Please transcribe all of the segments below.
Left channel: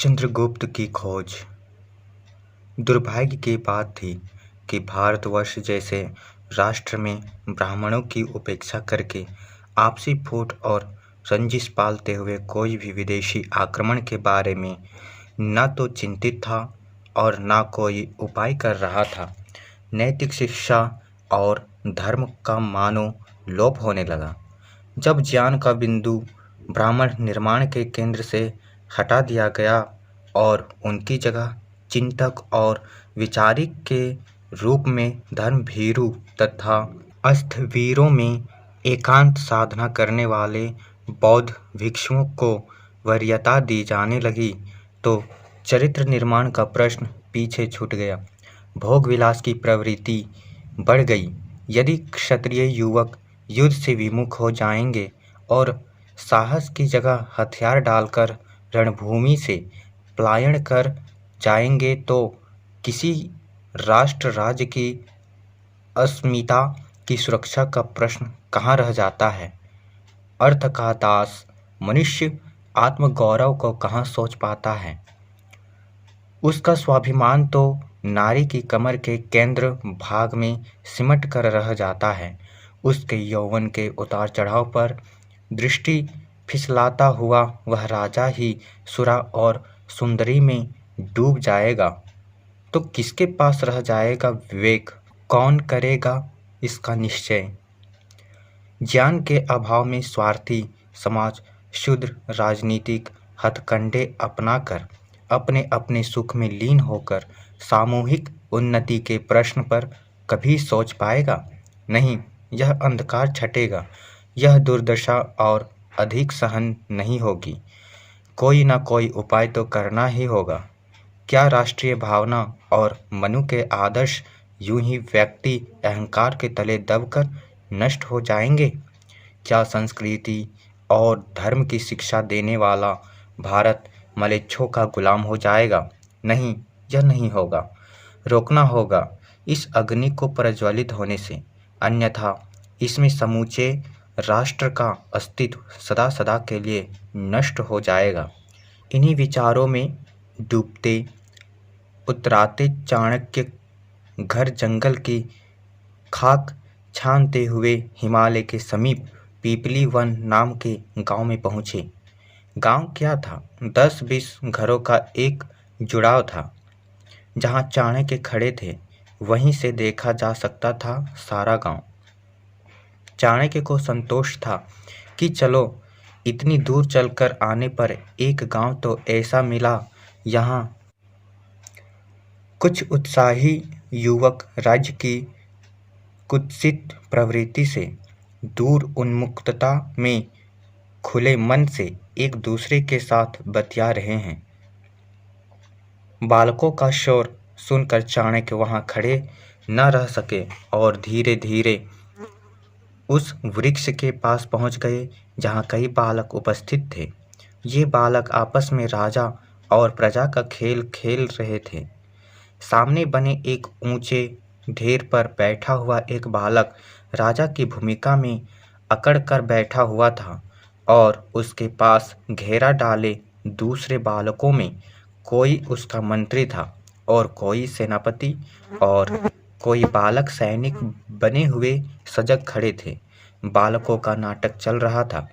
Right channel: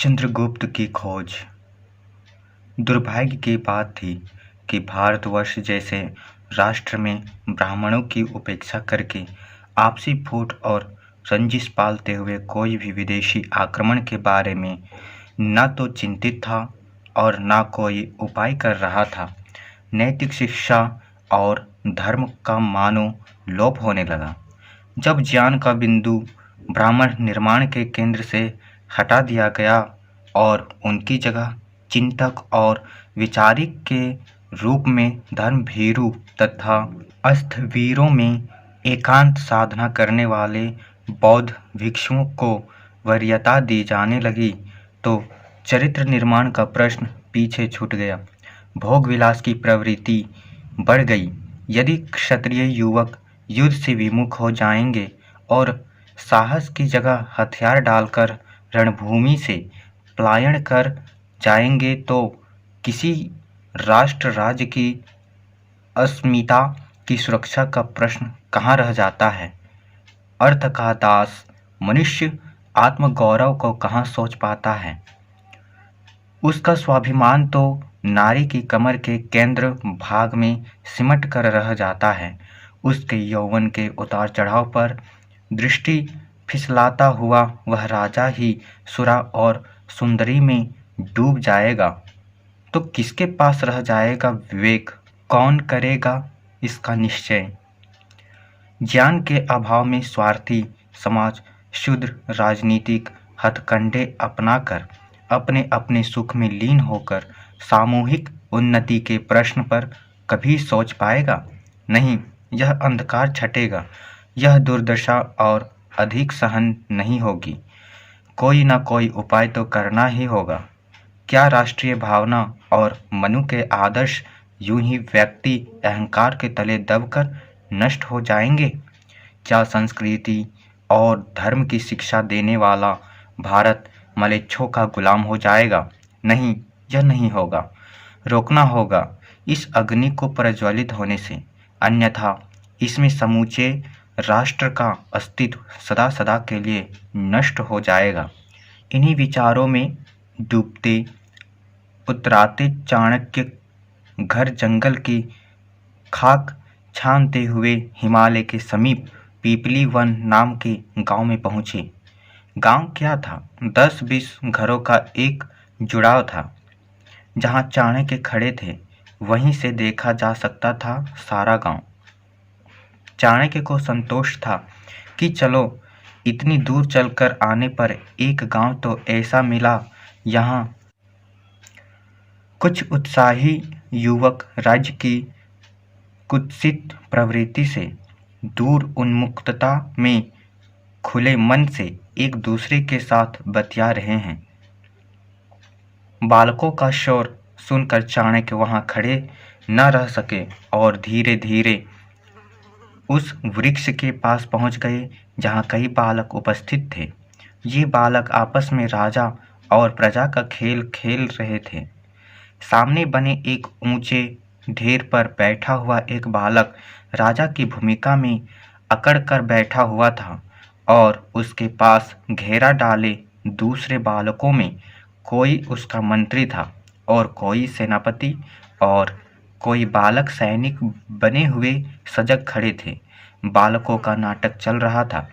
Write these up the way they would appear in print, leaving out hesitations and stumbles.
चंद्रगुप्त की खोज। दुर्भाग्य की बात थी कि भारतवर्ष जैसे राष्ट्र में ब्राह्मणों की उपेक्षा करके आपसी फूट और रंजिश पालते हुए कोई भी विदेशी आक्रमण के बारे में न तो चिंतित था और न कोई उपाय कर रहा था। नैतिक शिक्षा और धर्म का मानो लोप होने लगा। जब ज्ञान का बिंदु ब्राह्मण निर्माण के केंद्र से हटा दिया गया और उनकी जगह चिंतक और विचारक के रूप में धर्मभीरु तथा अस्थवीरों में एकांत साधना करने वाले बौद्ध भिक्षुओं को वरीयता दी जाने लगी, तो चरित्र निर्माण का प्रश्न पीछे छूट गया। भोग विलास की प्रवृत्ति बढ़ गई। यदि क्षत्रिय युवक युद्ध से विमुख हो जाएंगे और साहस की जगह हथियार डालकर रणभूमि से पलायन कर जाएंगे, तो किसी राष्ट्र राज्य की अस्मिता की सुरक्षा का प्रश्न कहाँ रह जाता है। अर्थ का दास मनुष्य आत्मगौरव को कहाँ सोच पाता है। उसका स्वाभिमान तो नारी की कमर के केंद्र भाग में सिमट कर रह जाता है। उसके यौवन के उतार चढ़ाव पर दृष्टि फिसलाता हुआ वह राजा ही सुरा और सुंदरी में डूब जाएगा, तो किसके पास रह जाएगा विवेक। कौन करेगा इसका निश्चय। ज्ञान के अभाव में स्वार्थी समाज शूद्र राजनीतिक हथकंडे अपनाकर अपने अपने सुख में लीन होकर सामूहिक उन्नति के प्रश्न पर कभी सोच पाएगा नहीं। यह अंधकार छटेगा, यह दुर्दशा और अधिक सहन नहीं होगी। कोई न कोई उपाय तो करना ही होगा। क्या राष्ट्रीय भावना और मनु के आदर्श यूं ही व्यक्ति अहंकार के तले दबकर नष्ट हो जाएंगे। क्या संस्कृति और धर्म की शिक्षा देने वाला भारत मलेच्छों का गुलाम हो जाएगा। नहीं, यह नहीं होगा। रोकना होगा इस अग्नि को प्रज्वलित होने से, अन्यथा इसमें समूचे राष्ट्र का अस्तित्व सदा सदा के लिए नष्ट हो जाएगा। इन्हीं विचारों में डूबते उतराते चाणक्य घर जंगल की खाक छानते हुए हिमालय के समीप पीपली वन नाम के गांव में पहुंचे। गांव क्या था, 10-20 घरों का एक जुड़ाव था। जहां चाणक्य खड़े थे वहीं से देखा जा सकता था सारा गांव। चाणक्य को संतोष था कि चलो इतनी दूर चलकर आने पर एक गांव तो ऐसा मिला, यहाँ कुछ उत्साही युवक राज्य की कुत्सित प्रवृत्ति से दूर उन्मुक्तता में खुले मन से एक दूसरे के साथ बतिया रहे हैं। बालकों का शोर सुनकर चाणक्य वहां खड़े न रह सके और धीरे धीरे उस वृक्ष के पास पहुंच गए जहां कई बालक उपस्थित थे। ये बालक आपस में राजा और प्रजा का खेल खेल रहे थे। सामने बने एक ऊंचे ढेर पर बैठा हुआ एक बालक राजा की भूमिका में अकड़ कर बैठा हुआ था और उसके पास घेरा डाले दूसरे बालकों में कोई उसका मंत्री था और कोई सेनापति और कोई बालक सैनिक बने हुए सजग खड़े थे। बालकों का नाटक चल रहा था।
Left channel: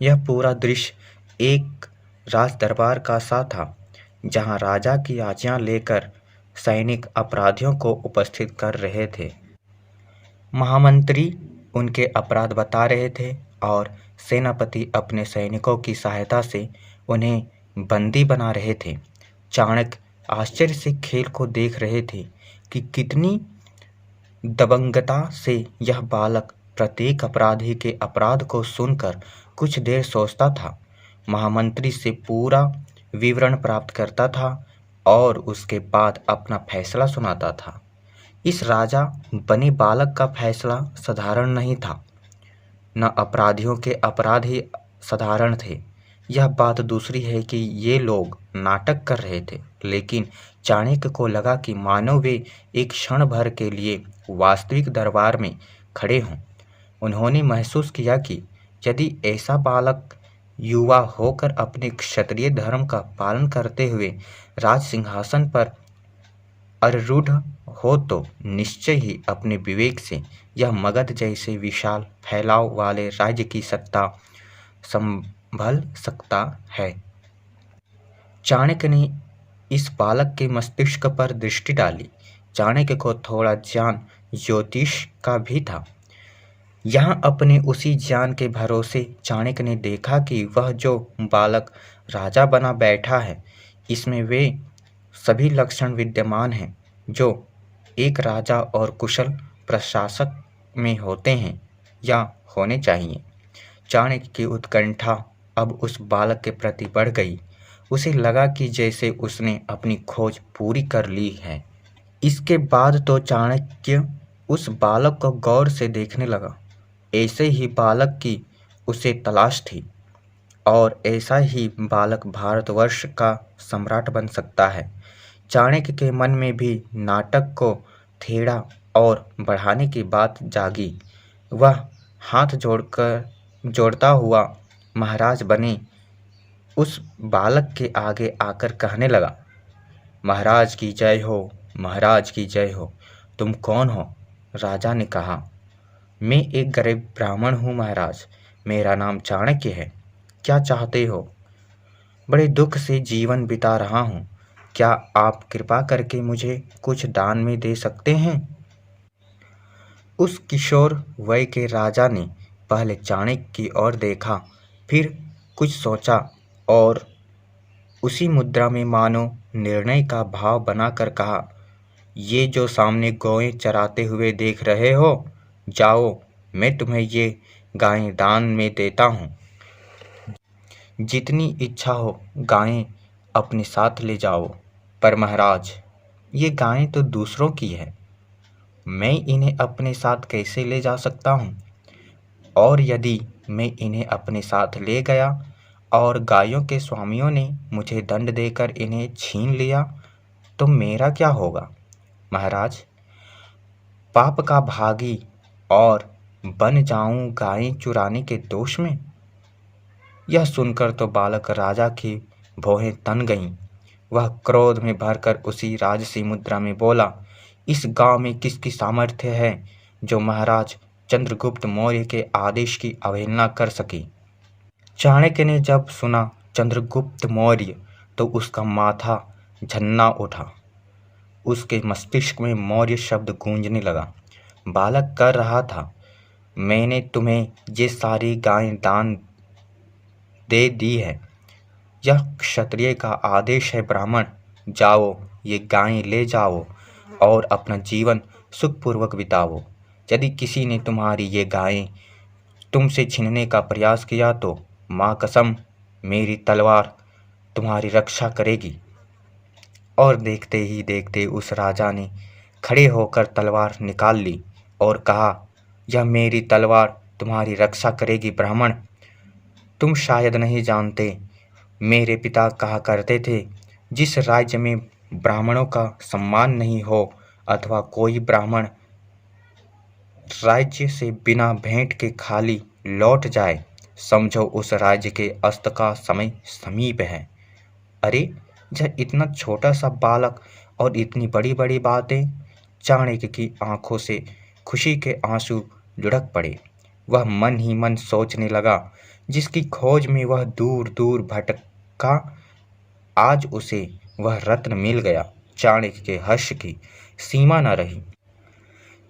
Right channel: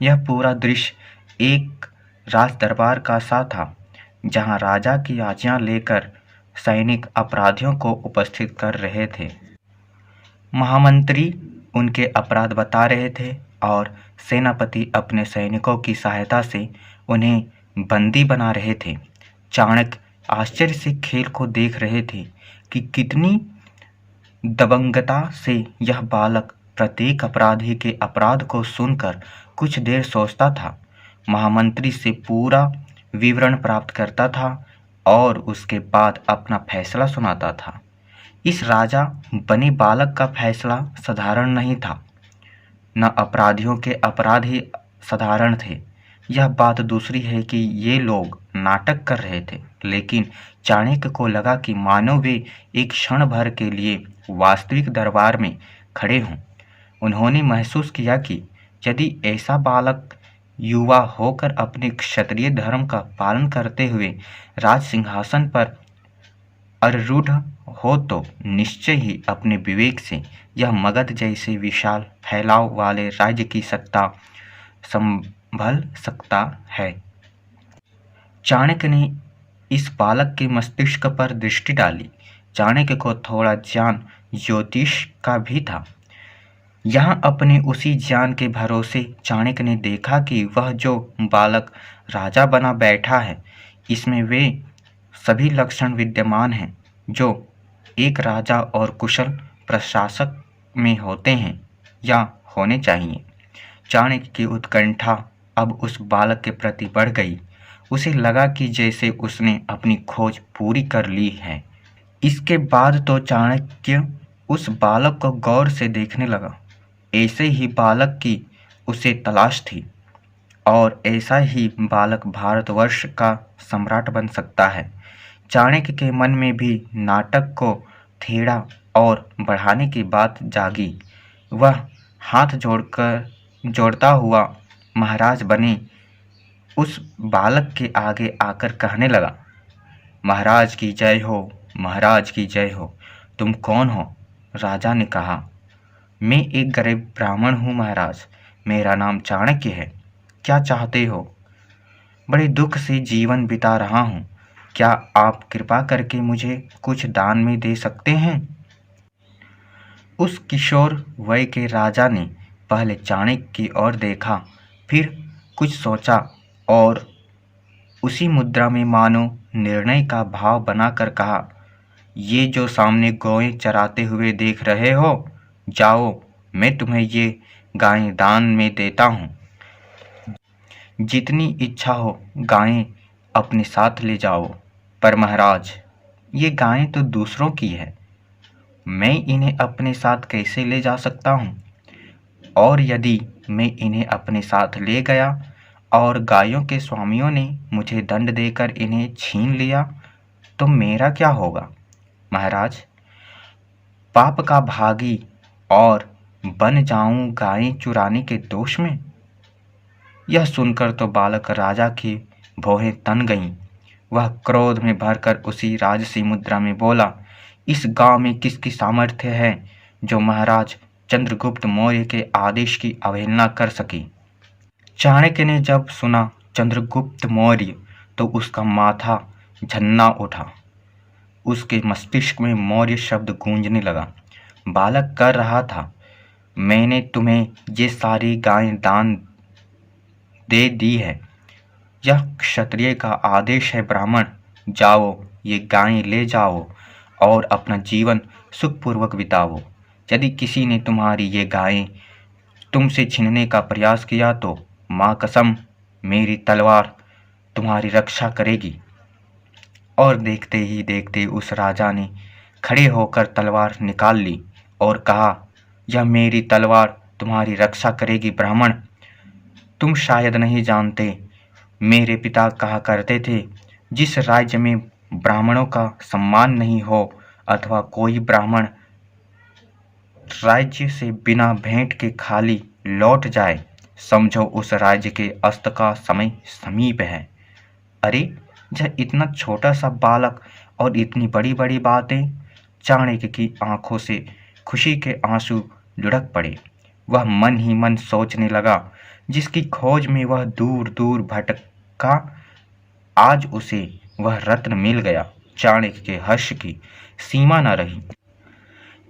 यह पूरा दृश्य एक राज दरबार का सा था, जहां राजा की आज्ञा लेकर सैनिक अपराधियों को उपस्थित कर रहे थे। महामंत्री उनके अपराध बता रहे थे और सेनापति अपने सैनिकों की सहायता से उन्हें बंदी बना रहे थे। चाणक्य आश्चर्य से खेल को देख रहे थे कि कितनी दबंगता से यह बालक प्रत्येक अपराधी के अपराध को सुनकर कुछ देर सोचता था, महामंत्री से पूरा विवरण प्राप्त करता था और उसके बाद अपना फैसला सुनाता था। इस राजा बने बालक का फैसला साधारण नहीं था, न अपराधियों के अपराध ही साधारण थे। यह बात दूसरी है कि ये लोग नाटक कर रहे थे, लेकिन चाणक्य को लगा कि मानो वे एक क्षण भर के लिए वास्तविक दरबार में खड़े हों। उन्होंने महसूस किया कि यदि ऐसा बालक युवा होकर अपने क्षत्रिय धर्म का पालन करते हुए राज सिंहासन पर आरूढ़ हो तो निश्चय ही अपने विवेक से यह मगध जैसे विशाल फैलाव वाले राज्य की सत्ता संभल सकता है। चाणक्य ने इस बालक के मस्तिष्क पर दृष्टि डाली। चाणक्य को थोड़ा ज्ञान ज्योतिष का भी था। यहाँ अपने उसी ज्ञान के भरोसे चाणक्य ने देखा कि वह जो बालक राजा बना बैठा है, इसमें वे सभी लक्षण विद्यमान हैं जो एक राजा और कुशल प्रशासक में होते हैं या होने चाहिए। चाणक्य की उत्कंठा अब उस बालक के प्रति बढ़ गई। उसे लगा कि जैसे उसने अपनी खोज पूरी कर ली है। इसके बाद तो चाणक्य उस बालक को गौर से देखने लगा। ऐसे ही बालक की उसे तलाश थी और ऐसा ही बालक भारतवर्ष का सम्राट बन सकता है। चाणक्य के मन में भी नाटक को थेड़ा और बढ़ाने की बात जागी। वह हाथ जोड़ता हुआ महाराज बने उस बालक के आगे आकर कहने लगा, महाराज की जय हो, महाराज की जय हो। तुम कौन हो? राजा ने कहा, मैं एक गरीब ब्राह्मण हूँ महाराज, मेरा नाम चाणक्य है। क्या चाहते हो? बड़े दुख से जीवन बिता रहा हूँ, क्या आप कृपा करके मुझे कुछ दान में दे सकते हैं? उस किशोर वय के राजा ने पहले चाणक्य की ओर देखा, फिर कुछ सोचा और उसी मुद्रा में मानो निर्णय का भाव बनाकर कहा, ये जो सामने गौएं चराते हुए देख रहे हो, जाओ, मैं तुम्हें ये गायें दान में देता हूँ। जितनी इच्छा हो गायें अपने साथ ले जाओ। पर महाराज, ये गायें तो दूसरों की है, मैं इन्हें अपने साथ कैसे ले जा सकता हूँ? और यदि मैं इन्हें अपने साथ ले गया और गायों के स्वामियों ने मुझे दंड देकर इन्हें छीन लिया तो मेरा क्या होगा? महाराज, पाप का भागी और बन जाऊं गायें चुराने के दोष में। यह सुनकर तो बालक राजा की भौहें तन गईं। वह क्रोध में भरकर उसी राजसी मुद्रा में बोला, इस गांव में किसकी सामर्थ्य है जो महाराज चंद्रगुप्त मौर्य के आदेश की अवहेलना कर सकी? चाणक्य ने जब सुना चंद्रगुप्त मौर्य तो उसका माथा झन्ना उठा। उसके मस्तिष्क में मौर्य शब्द गूंजने लगा। बालक कर रहा था, मैंने तुम्हें ये सारी गायें दान दे दी है। यह क्षत्रिय का आदेश है ब्राह्मण, जाओ, ये गायें ले जाओ और अपना जीवन सुखपूर्वक बिताओ। यदि किसी ने तुम्हारी ये गायें तुमसे छीनने का प्रयास किया तो माँ कसम, मेरी तलवार तुम्हारी रक्षा करेगी। और देखते ही देखते उस राजा ने खड़े होकर तलवार निकाल ली और कहा, यह मेरी तलवार तुम्हारी रक्षा करेगी ब्राह्मण। तुम शायद नहीं जानते, मेरे पिता कहा करते थे, जिस राज्य में ब्राह्मणों का सम्मान नहीं हो अथवा कोई ब्राह्मण राज्य से बिना भेंट के खाली लौट जाए, समझो उस राज्य के अस्त का समय समीप है। अरे, यह इतना छोटा सा बालक और इतनी बड़ी बड़ी बातें! चाणक्य की आंखों से खुशी के आंसू लुढ़क पड़े। वह मन ही मन सोचने लगा, जिसकी खोज में वह दूर दूर भटका, आज उसे वह रत्न मिल गया। चाणक्य के हर्ष की सीमा न रही।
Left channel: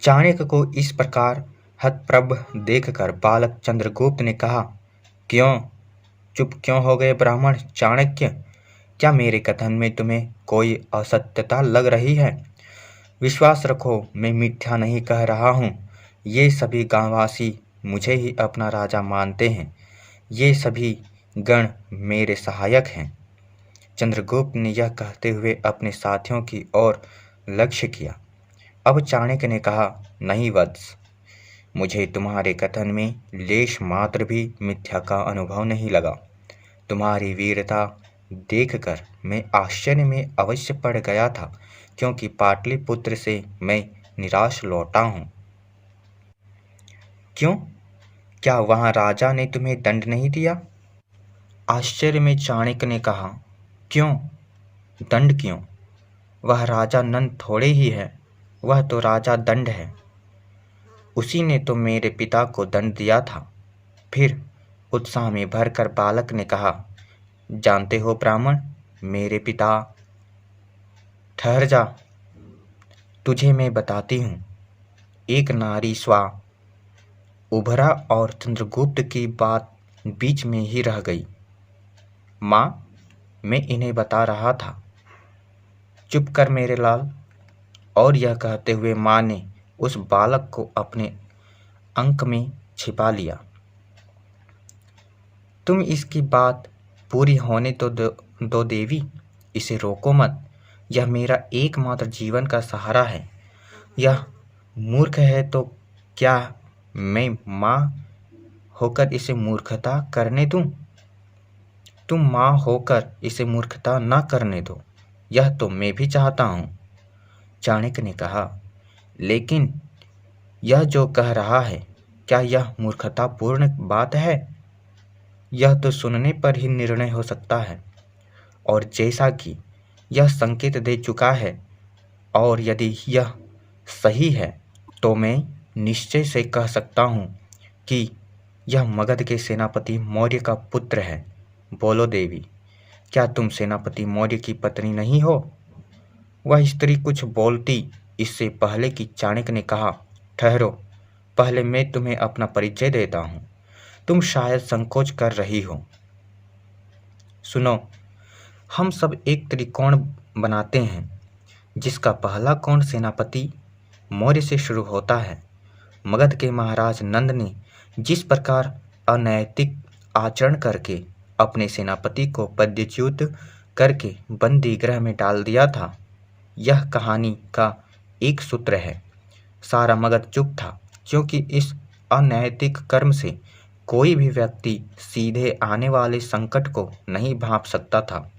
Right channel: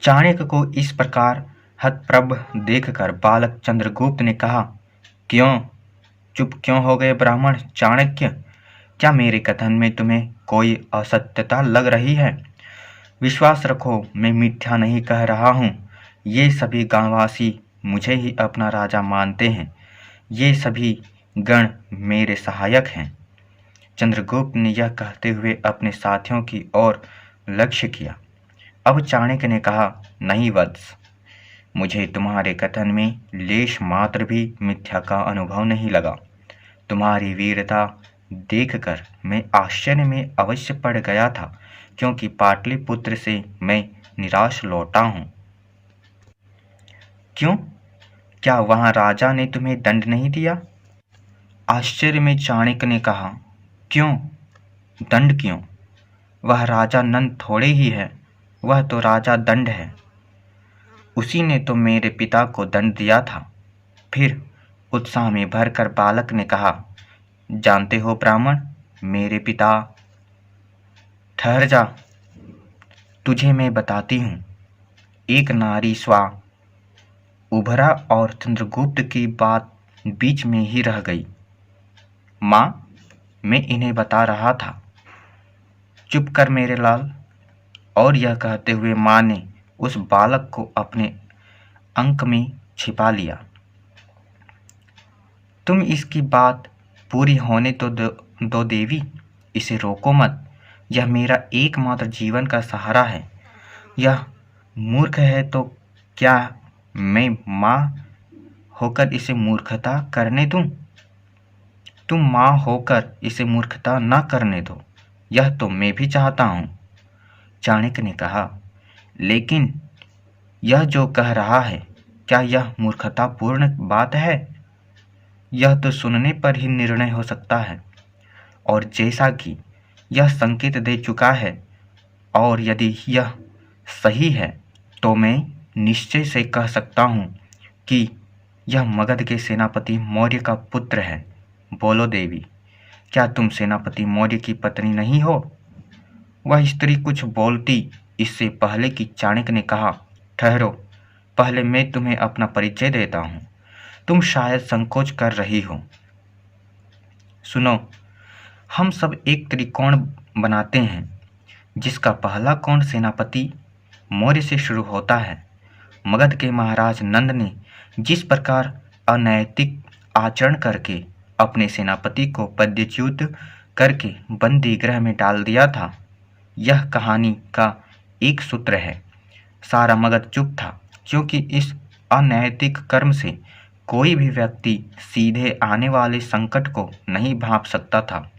चाणक्य को इस प्रकार हतप्रभ देखकर बालक चंद्रगुप्त ने कहा, क्यों चुप क्यों हो गए ब्राह्मण चाणक्य? क्या मेरे कथन में तुम्हें कोई असत्यता लग रही है? विश्वास रखो, मैं मिथ्या नहीं कह रहा हूँ। ये सभी गांववासी मुझे ही अपना राजा मानते हैं। ये सभी गण मेरे सहायक हैं। चंद्रगुप्त ने यह कहते हुए अपने साथियों की ओर लक्ष्य किया। अब चाणक्य ने कहा, नहीं वत्स, मुझे तुम्हारे कथन में लेश मात्र भी मिथ्या का अनुभव नहीं लगा। तुम्हारी वीरता देखकर मैं आश्चर्य में अवश्य पड़ गया था, क्योंकि पाटलिपुत्र से मैं निराश लौटा हूँ। क्यों? क्या वहाँ राजा ने तुम्हें दंड नहीं दिया? आश्चर्य में चाणक्य ने कहा, क्यों? दंड क्यों? वह राजा नंद थोड़े ही है, वह तो राजा दंड है। उसी ने तो मेरे पिता को दंड दिया था। फिर उत्साह में भरकर बालक ने कहा, जानते हो ब्राह्मण, मेरे पिता। ठहर जा, तुझे मैं बताती हूँ। एक नारी स्वा उभरा और चंद्रगुप्त की बात बीच में ही रह गई। माँ, मैं इन्हें बता रहा था। चुप कर मेरे लाल। और यह कहते हुए माँ ने उस बालक को अपने अंक में छिपा लिया। तुम इसकी बात पूरी होने तो दो देवी, इसे रोको मत। यह मेरा एकमात्र जीवन का सहारा है। यह मूर्ख है तो क्या मैं माँ होकर इसे मूर्खता करने दूं? तुम माँ होकर इसे मूर्खता न करने दो, यह तो मैं भी चाहता हूँ, चाणक्य ने कहा। लेकिन यह जो कह रहा है, क्या यह मूर्खतापूर्ण बात है? यह तो सुनने पर ही निर्णय हो सकता है। और जैसा कि यह संकेत दे चुका है, और यदि यह सही है, तो मैं निश्चय से कह सकता हूँ कि यह मगध के सेनापति मौर्य का पुत्र है। बोलो देवी, क्या तुम सेनापति मौर्य की पत्नी नहीं हो? वह स्त्री कुछ बोलती इससे पहले कि चाणक्य ने कहा, ठहरो, पहले मैं तुम्हें अपना परिचय देता हूँ। तुम शायद संकोच कर रही हो। सुनो, हम सब एक त्रिकोण बनाते हैं, जिसका पहला कोण सेनापति मौर्य से शुरू होता है। मगध के महाराज नंद ने जिस प्रकार अनैतिक आचरण करके अपने सेनापति को पदच्युत करके बंदी गृह में डाल दिया था, यह कहानी का एक सूत्र है। सारा मगध चुप था, क्योंकि इस अनैतिक कर्म से कोई भी व्यक्ति सीधे आने वाले संकट को नहीं भांप सकता था।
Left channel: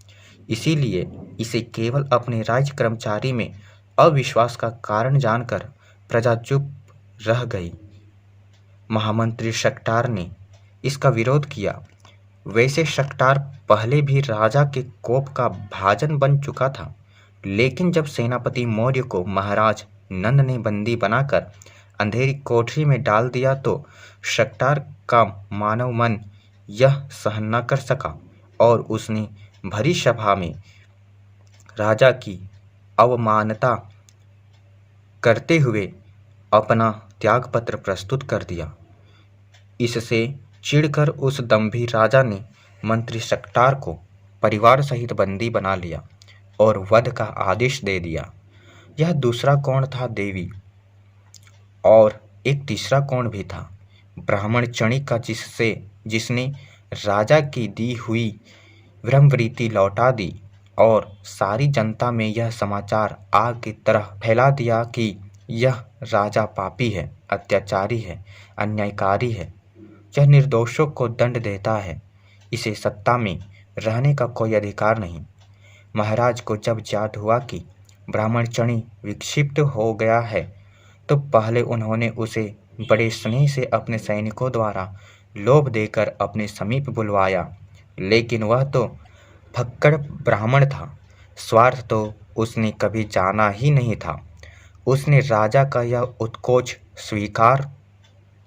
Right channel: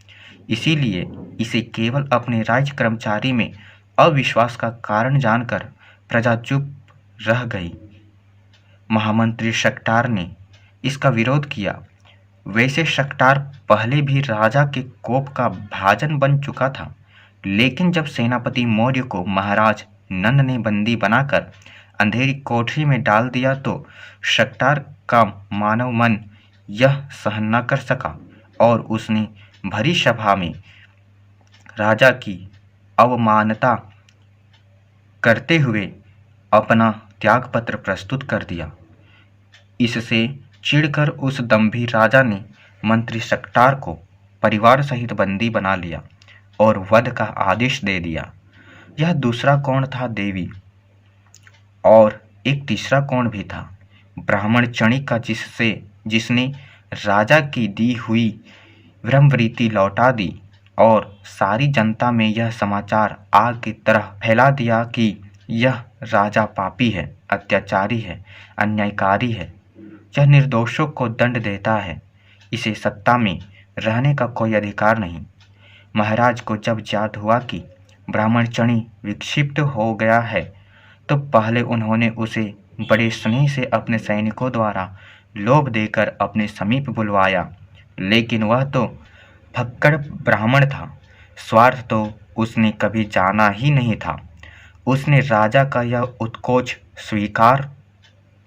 इसीलिए इसे केवल अपने राज्य कर्मचारी में अविश्वास का कारण जानकर प्रजा चुप रह गई। महामंत्री शक्टार ने इसका विरोध किया। वैसे शक्टार पहले भी राजा के कोप का भाजन बन चुका था, लेकिन जब सेनापति मौर्य को महाराज नंद ने बंदी बनाकर अंधेरी कोठरी में डाल दिया तो शक्टार का मानव मन यह सहन न कर सका और उसने भरी सभा में राजा की अवमानना करते हुए अपना त्यागपत्र प्रस्तुत कर दिया। इससे चिढ़कर उस दंभी राजा ने मंत्री शक्टार को परिवार सहित बंदी बना लिया और वध का आदेश दे दिया। यह दूसरा कोण था देवी। और एक तीसरा कोण भी था, ब्राह्मण चणिक का, जिसने राजा की दी हुई ब्रह्मवृत्ति लौटा दी और सारी जनता में यह समाचार आग की तरह फैला दिया कि यह राजा पापी है, अत्याचारी है, अन्यायकारी है। यह निर्दोषों को दंड देता है। इसे सत्ता में रहने का कोई अधिकार नहीं। महाराज को जब याद हुआ कि ब्राह्मण चणी विक्षिप्त हो गया है, तो पहले उन्होंने उसे बड़े स्नेह से अपने सैनिकों द्वारा लोभ देकर अपने समीप बुलवाया। लेकिन वह तो फक्कड़ ब्राह्मण था, स्वार्थ तो उसने कभी जाना ही नहीं था। उसने राजा का यह उत्कोच स्वीकार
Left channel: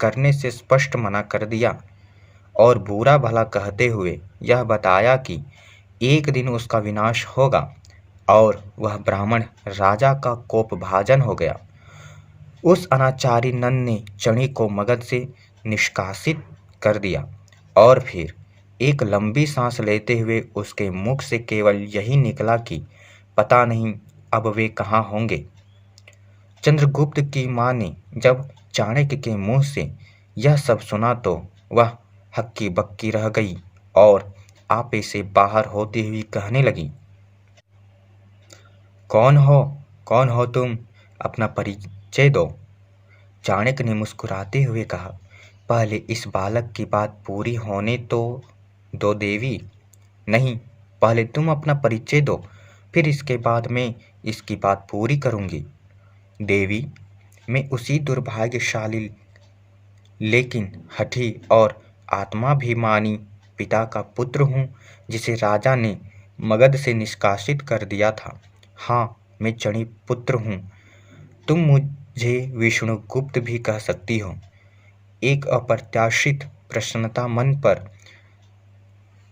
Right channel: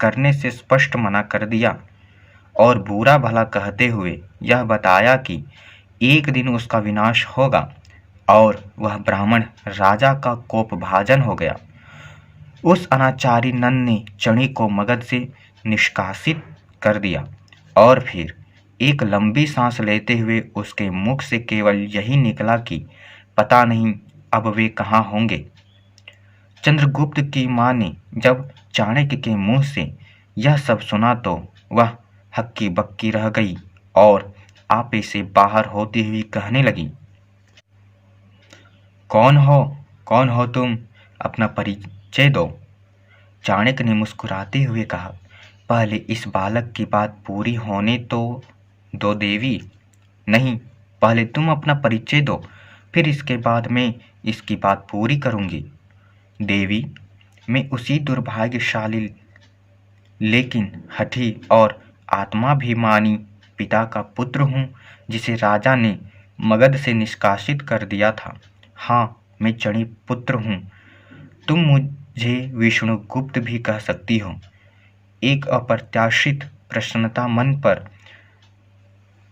करने से स्पष्ट मना कर दिया और बुरा भला कहते हुए यह बताया कि एक दिन उसका विनाश होगा, और वह ब्राह्मण राजा का कोप भाजन हो गया। उस अनाचारी नंद ने चणी को मगध से निष्कासित कर दिया और फिर एक लंबी सांस लेते हुए उसके मुख से केवल यही निकला कि पता नहीं अब वे कहाँ होंगे। चंद्रगुप्त की माँ ने जब चाणक्य के मुंह से यह सब सुना तो वह हक्की बक्की रह गई और आपे से बाहर होती हुई कहने लगी, कौन हो तुम? अपना परिचय दो। चाणक्य ने मुस्कुराते हुए कहा, पहले इस बालक की बात पूरी होने तो दो देवी। नहीं, पहले तुम अपना परिचय दो, फिर इसके बाद मैं इसकी बात पूरी करूंगी। देवी, मैं उसी दुर्भाग्यशाली लेकिन हठी और आत्माभिमानी पिता का पुत्र हूँ जिसे राजा ने मगध से निष्कासित कर दिया था। हाँ, मैं चणी पुत्र हूँ। तुम मुझे विष्णुगुप्त भी कह सकती हो। एक अप्रत्याशित प्रसन्नता मन पर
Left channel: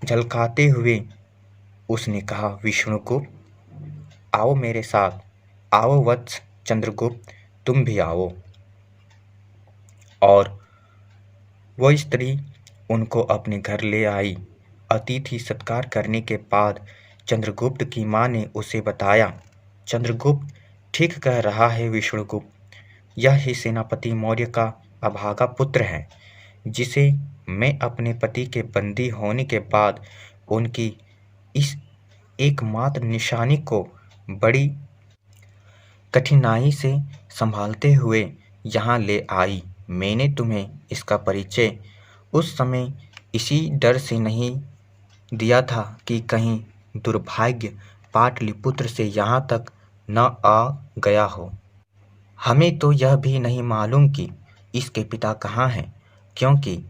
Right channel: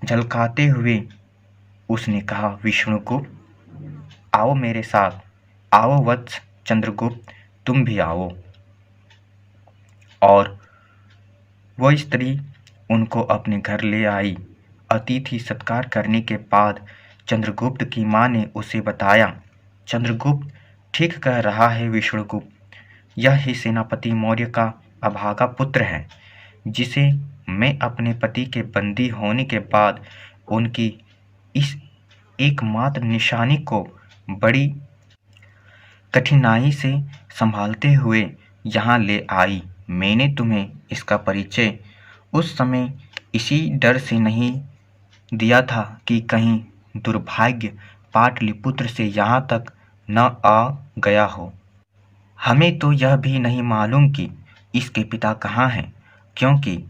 झलकाते हुए उसने कहा, विष्णुगुप्त, आओ मेरे साथ। आओ वत्स चंद्रगुप्त, तुम भी आओ। और वो स्त्री उनको अपने घर ले आई। अतिथि सत्कार करने के बाद चंद्रगुप्त की माँ ने उसे बताया, चंद्रगुप्त ठीक कह रहा है विष्णुगुप्त, यह ही सेनापति मौर्य का अभागा पुत्र है, जिसे मैं अपने पति के बंदी होने के बाद उनकी इस एकमात्र निशानी को बड़ी कठिनाई से संभालते हुए यहाँ ले आई। मैंने तुम्हें इसका परिचय उस समय इसी डर से नहीं दिया था कि कहीं दुर्भाग्य पाटलिपुत्र से यहाँ तक न आ गया हो। हमें तो यह भी नहीं मालूम कि इसके पिता कहाँ हैं, क्योंकि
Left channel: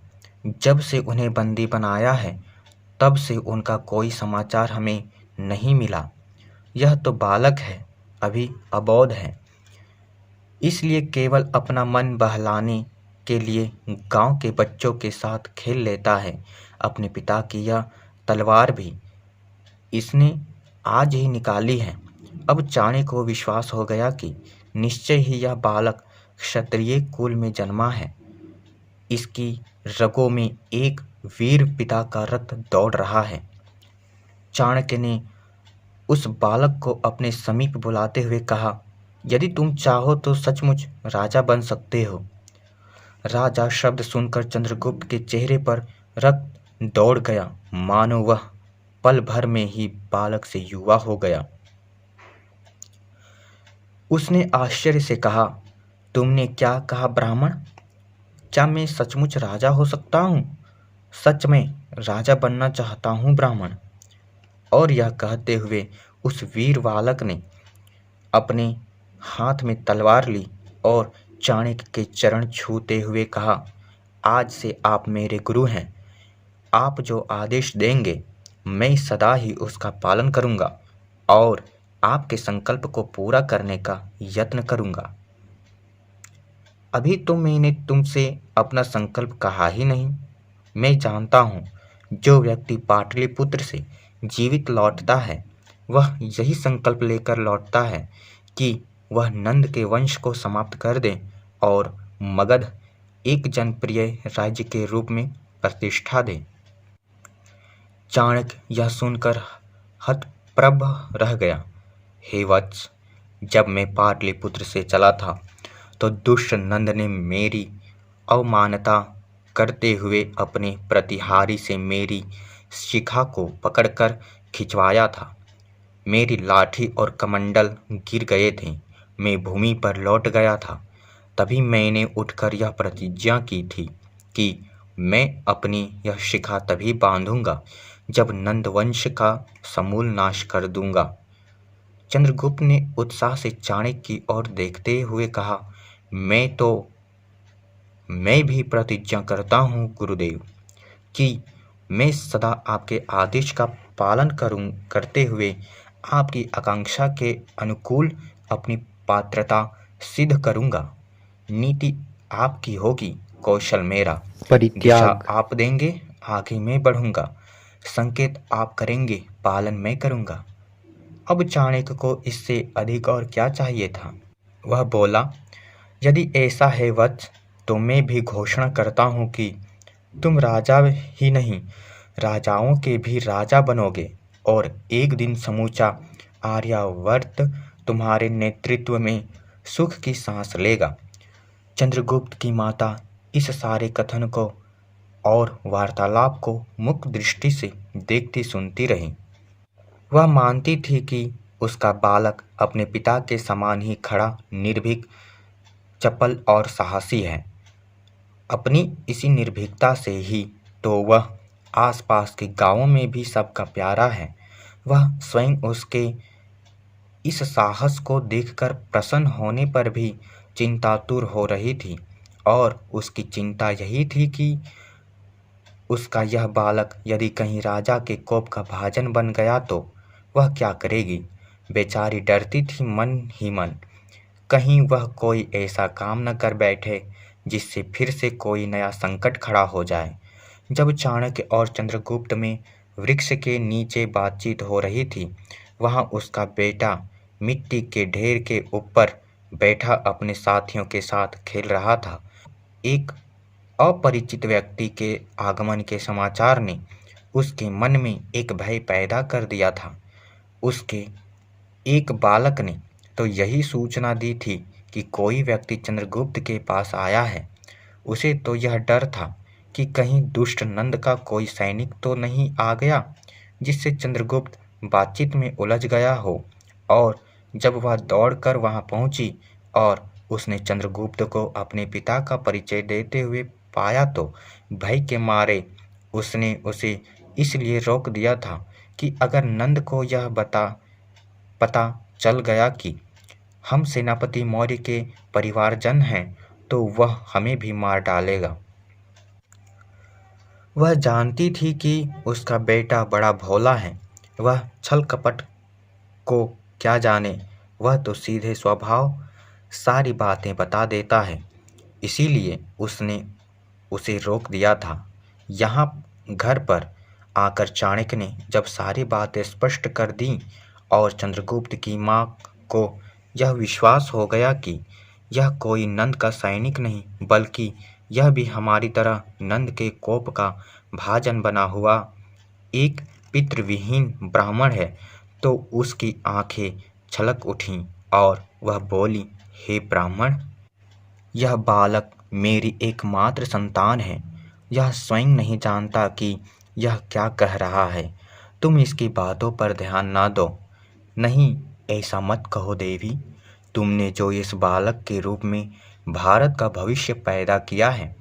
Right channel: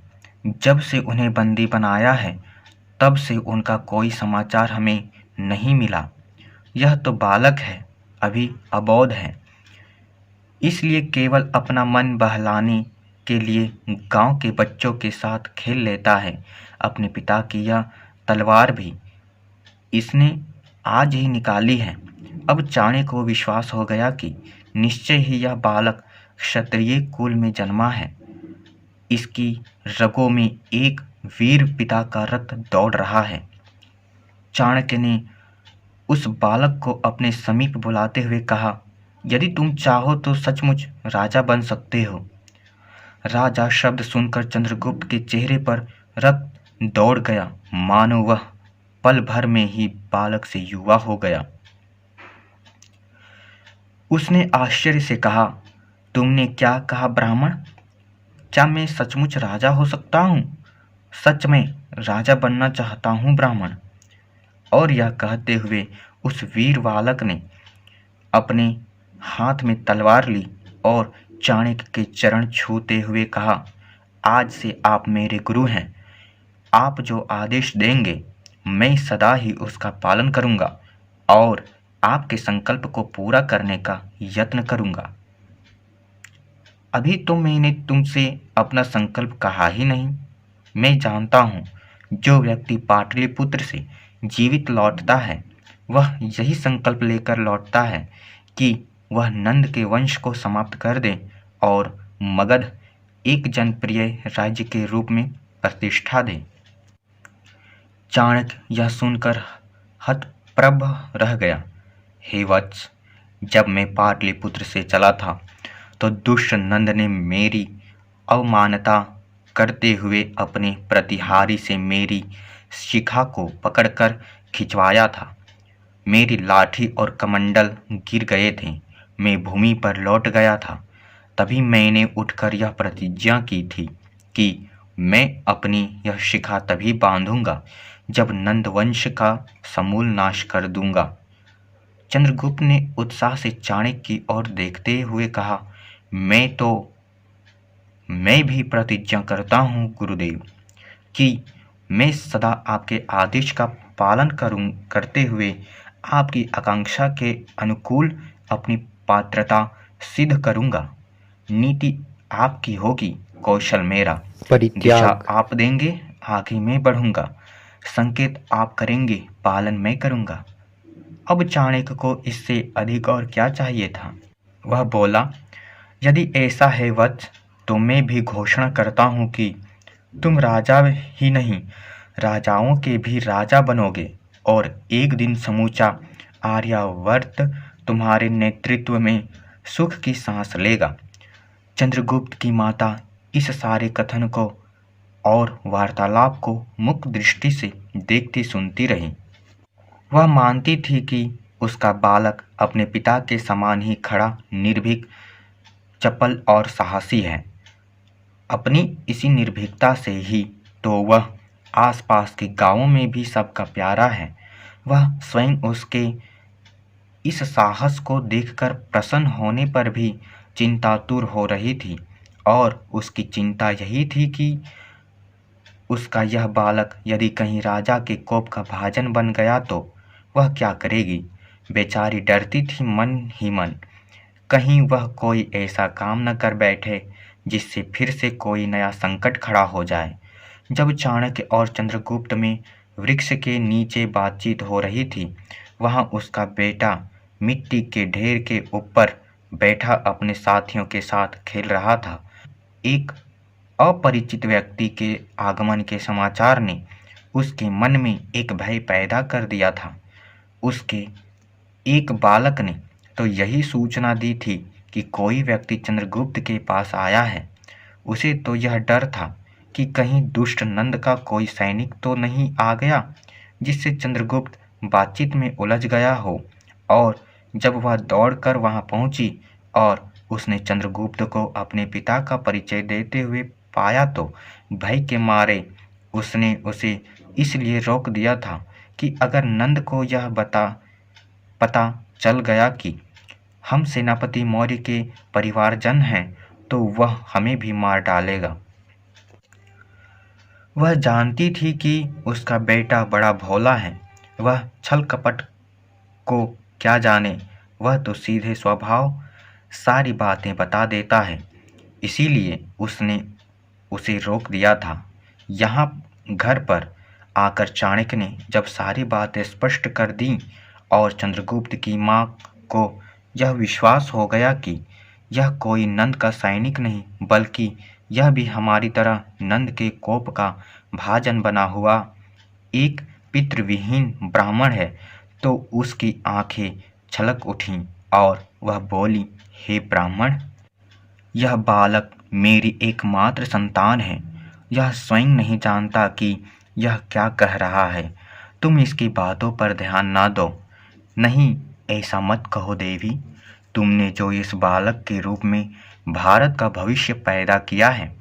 जब से उन्हें बंदी बनाया है तब से उनका कोई समाचार हमें नहीं मिला। यह तो बालक है, अभी अबोध है, इसलिए केवल अपना मन बहलाने के लिए गांव के बच्चों के साथ खेल लेता है। अपने पिता की यह तलवार भी इसने आज ही निकाली है। अब चाणक्य को विश्वास हो गया कि निश्चय ही यह बालक क्षत्रिय कुल में जन्मा है। इसकी रगों में एक वीर पिता का रक्त दौड़ रहा है। चाणक्य ने उस बालक को अपने समीप बुलाते हुए कहा, यदि तुम चाहो तो सचमुच राजा बन सकते हो। राजा शब्द सुनकर चंद्रगुप्त के चेहरे पर रक्त दौड़ गया, मानो वह पल भर में ही बालक से युवा हो गया। उसने आश्चर्य से कहा, तुमने क्या कहा ब्राह्मण? क्या मैं सचमुच राजा हो सकता हूँ? सच में राजा बनना चाहता हूँ ब्राह्मण। और यह कहते हुए उस वीर बालक ने अपने हाथ में तलवार ली और चाणक्य के चरण छूते हुए कहा, आज से आप मेरे गुरु हैं। आप जो आदेश देंगे मैं सदा ही उसका पालन करूंगा और आपके संकल्प को पूरा करने का यत्न करूंगा। अभी तो मैंने तुमसे अपना संकल्प कहा ही नहीं। मैं जानता हूँ जो व्यक्ति पाटलिपुत्र से जीवित लौटता है वह यही संकल्प लेकर लौटता है कि वह नंद के वंश को समाप्त कर दे और मगध एक जनप्रिय राज्य के रूप में प्रतिष्ठा दे। चाणक्य यह सुनकर हतप्रभ रह गया। हे वत्स, जब मैं पाटलिपुत्र से चला था तो दुष्ट नंद ने मेरी अवमानना करते हुए अपने प्रतिहारी से मेरी शिखा को पकड़कर खिंचवाया था। मेरी लाठी और कमंडल गिर गए थे। मैं भूमि पर लौट गया था। तभी मैंने उठकर यह प्रतिज्ञा की थी कि मैं अपनी यह शिखा तभी बांधूंगा जब नंदवंश का समूल नाश कर दूंगा। चंद्रगुप्त ने उत्साह से चाणक्य की ओर देखते हुए कहा, मैं भी प्रतिज्ञा करता हूँ गुरुदेव कि मैं सदा आपके आदेश का पालन करते हुए आपकी आकांक्षा के अनुकूल अपनी पात्रता सिद्ध करूँगा। नीति आपकी होगी, कौशल मेरा। दिशा आप देंगे, आगे मैं बढ़ूँगा। संकेत आप करेंगे, पालन मैं करूँगा। अब चाणक्य को इससे अधिक और क्या चाहिए था। वह बोला, यदि ऐसा है वत्स, तो मैं भी घोषणा करता हूँ कि तुम राजा ही नहीं राजाओं के भी राजा बनोगे और एक दिन समूचा आर्यावर्त तुम्हारे नेतृत्व में सुख की सांस लेगा। चंद्रगुप्त की माता इस सारे कथन को और वार्तालाप को मुक्त दृष्टि से देखती सुनती रही। वह मानती थी कि उसका बालक अपने पिता के समान ही खड़ा, निर्भीक, चपल और साहसी है। अपनी इसी निर्भीकता से ही तो वह आसपास के गांवों में भी सबका प्यारा है। वह स्वयं उसके इस साहस को देखकर प्रसन्न होने पर भी चिंतातुर हो रही थी और उसकी चिंता यही थी कि उसका यह बालक यदि कहीं राजा के कोप का भाजन बन गया तो वह क्या करेगी। बेचारी डरती थी मन ही मन, कहीं वह कोई ऐसा काम न कर बैठे जिससे फिर से कोई नया संकट खड़ा हो जाए। जब चाणक्य और चंद्रगुप्त में वृक्ष के नीचे बातचीत हो रही थी, वहां उसका बेटा मिट्टी के ढेर के ऊपर बैठा अपने साथियों के साथ खेल रहा था। एक अपरिचित व्यक्ति के आगमन के समाचार ने उसके मन में एक भय पैदा कर दिया था। उसके एक बालक ने तो यही सूचना दी थी कि कोई व्यक्ति चंद्रगुप्त के पास आया है। उसे तो यह डर था कि कहीं दुष्ट नंद का कोई सैनिक तो नहीं आ गया जिससे चंद्रगुप्त बातचीत में उलझ गया हो। और जब वह दौड़कर वहां पहुंची और उसने चंद्रगुप्त को अपने पिता का परिचय देते हुए पाया तो भय के मारे उसने उसे इसलिए रोक दिया था कि अगर नंद को यह पता चल गया कि हम सेनापति मौर्य के परिवारजन हैं तो वह हमें भी मार डालेगा। वह जानती थी कि उसका बेटा बड़ा भोला है, वह छल कपट को क्या जाने, वह तो सीधे स्वभाव सारी बातें बता देता है। इसीलिए उसने उसे रोक दिया था। यहाँ घर पर आकर चाणक्य ने जब सारी बातें स्पष्ट कर दी और चंद्रगुप्त की माँ को यह विश्वास हो गया कि यह कोई नंद का सैनिक नहीं बल्कि यह भी हमारी तरह नंद के कोप का भाजन बना हुआ एक पितृविहीन ब्राह्मण है, तो उसकी आंखें छलक उठीं और वह बोली, हे ब्राह्मण, यह बालक मेरी एकमात्र संतान है। यह स्वयं नहीं जानता कि यह क्या कह रहा है। तुम इसकी बातों पर ध्यान न दो। नहीं, ऐसा मत कहो देवी। तुमने जो इस बालक के रूप में भारत का भविष्य पैदा किया है,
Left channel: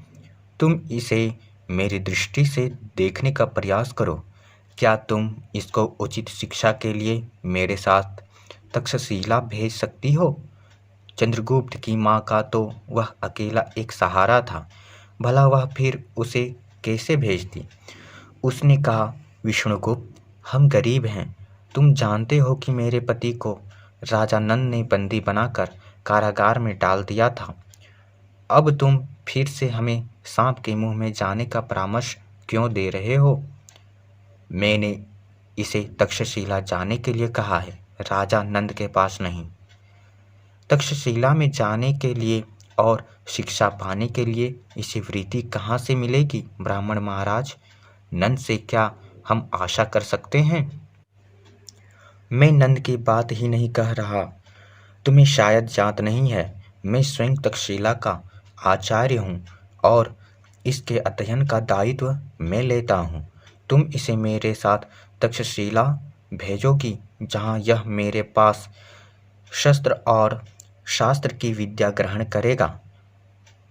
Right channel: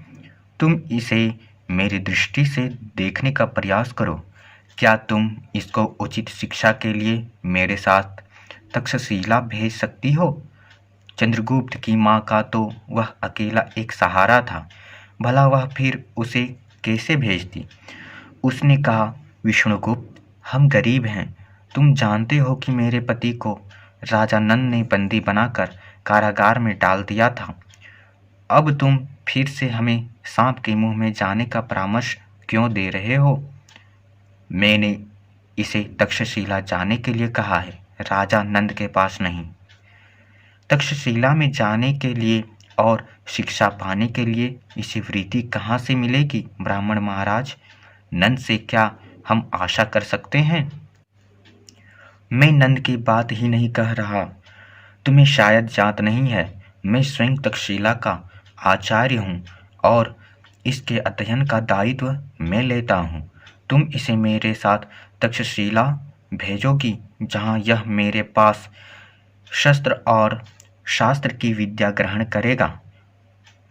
तुम इसे मेरी दृष्टि से देखने का प्रयास करो। क्या तुम इसको उचित शिक्षा के लिए मेरे साथ तक्षशिला भेज सकती हो? चंद्रगुप्त की माँ का तो वह अकेला एक सहारा था, भला वह फिर उसे कैसे भेजती। उसने कहा, विष्णुगुप्त, हम गरीब हैं। तुम जानते हो कि मेरे पति को राजा नंद ने बंदी बनाकर कारागार में डाल दिया था। अब तुम फिर से हमें सांप के मुंह में जाने का परामर्श क्यों दे रहे हो? मैंने इसे तक्षशिला जाने के लिए कहा है, राजा नंद के पास नहीं। तक्षशिला में जाने के लिए और शिक्षा पाने के लिए इसे वृत्ति कहाँ से मिलेगी ब्राह्मण महाराज? नंद से क्या हम आशा कर सकते हैं? मैं नंद की बात ही नहीं कह रहा। तुम्हें शायद याद नहीं है, मैं स्वयं तक्षशिला का आचार्य हूँ और इसके अध्ययन का दायित्व मैं लेता हूँ। तुम इसे मेरे साथ तक्षशिला भेजोगी जहाँ यह मेरे पास शस्त्र और शास्त्र की विद्या ग्रहण करेगा।